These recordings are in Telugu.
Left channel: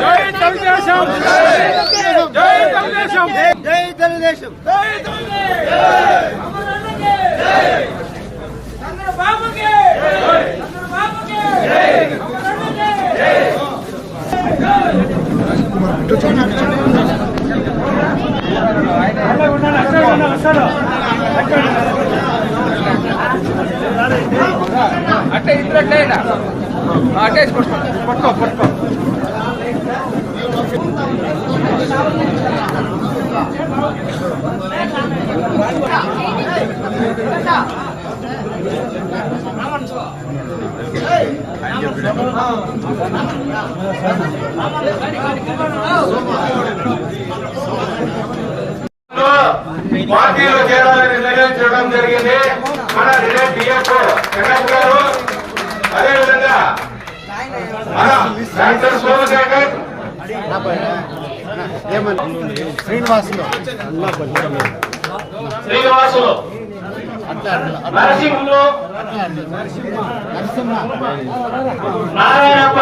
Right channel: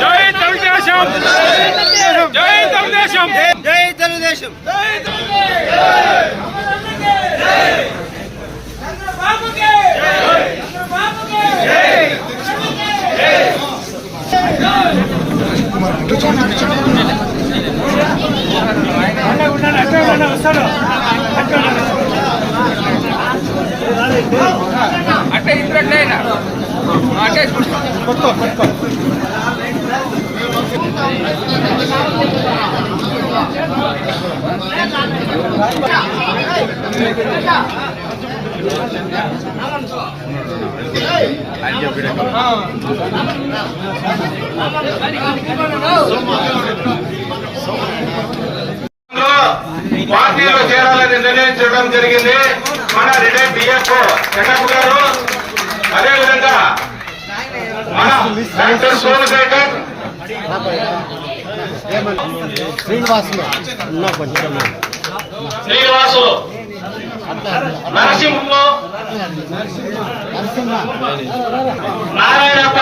జై తెలుగుదేశం జై తెలుగుదేశం. జై తెలుగుదేశం ఉన్నాను పార్టీలో చేరాలని నిర్ణయించడం జరిగింది. మన రిటైర్ డిఎఫ్ఓ చెన్నప్ప గారు. అదేవిధంగా మన డాక్టర్ సోమశేఖర్ శ్రీనివాసులు. ఉన్నా కొంచెం శ్రీనివాసు. నరసింహులు. నారాయణప్ప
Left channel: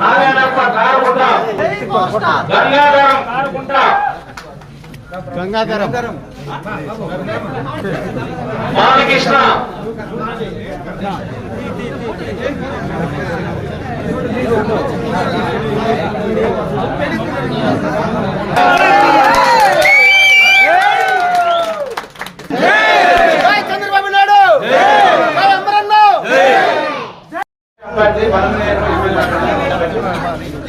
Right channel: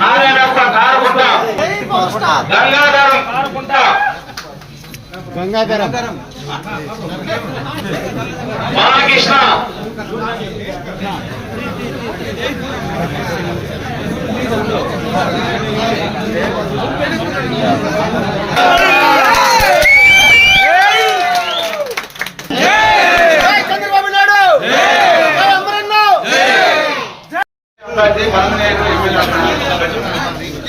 నారాయణప్ప గంగాధరం గంగాధరం. బాలకృష్ణ. ఎమ్మెల్యే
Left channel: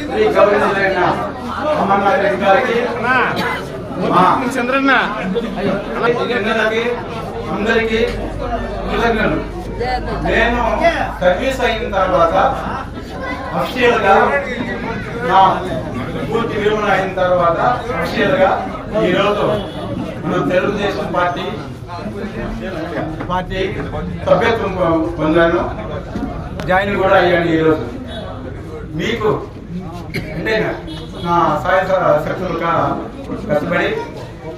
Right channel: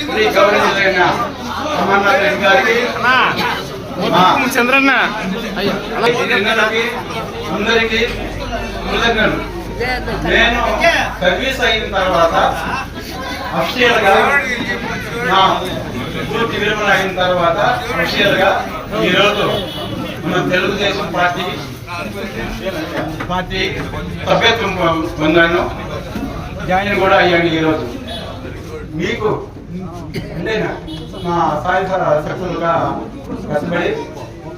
శ్రీ గౌరవనీయులైన అమర్నాథ్ రెడ్డి గారికి. మా చంద్రన్న. అందరికీ నేను సర్వీస్ అయిన తర్వాత అఫీషియల్గా నా పూర్తి విరమణ అయిన తర్వాత అఫీషియల్గా ఈ రోజు మన తెలుగుదేశం పార్టీ పార్టీ సభ్యత్వం పొందాను. జాయిన్ కూడా అయ్యాను ఈరోజు. మీకు అంటే నా సాయ శక్తులుగా కష్టపడి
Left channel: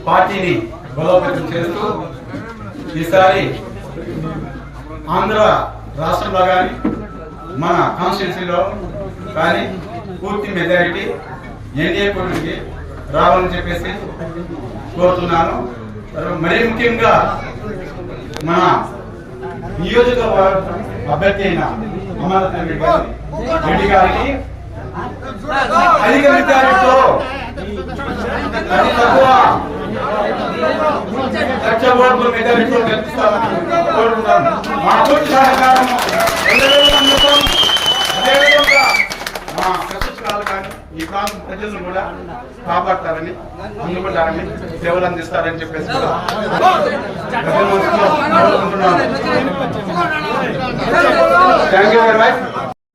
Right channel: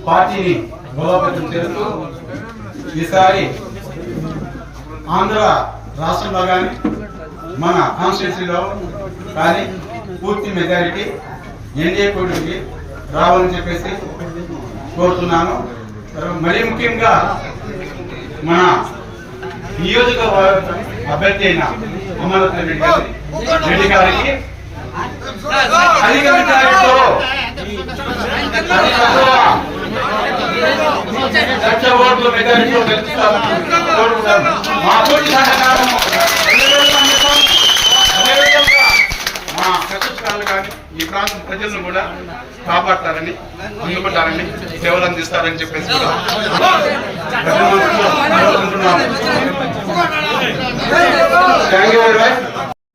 పార్టీని బలోపేతం చేస్తూ ఈసారి ఆంధ్ర రాష్ట్రంలో కానీ మన కాన్స్టిట్యూన్సీలో కానీ పూర్తి మెజారిటీ ఎన్డీఏ కూటమికి రావాలని చెప్పేసి కోరుతున్నాను. మరీ ముఖ్యంగా మన నియోజకవర్గ అభ్యర్థి అయిన అమర్నాథ్ రెడ్డి గారికి అధిక మెజారిటీతో లక్ష ఓట్ల మెజారిటీతో గెలుస్తామని కోరుకుంటాను మా పూర్తి సహకారం అందరికీ అందిస్తాం. అదేవిధంగా మా కష్టకాలు కానీ ఈ ప్రాంతం ప్రజలను కూడా కాపాడతారని ముందుకుంటారని సేవలు అందిస్తారని చెప్పేసి కూడా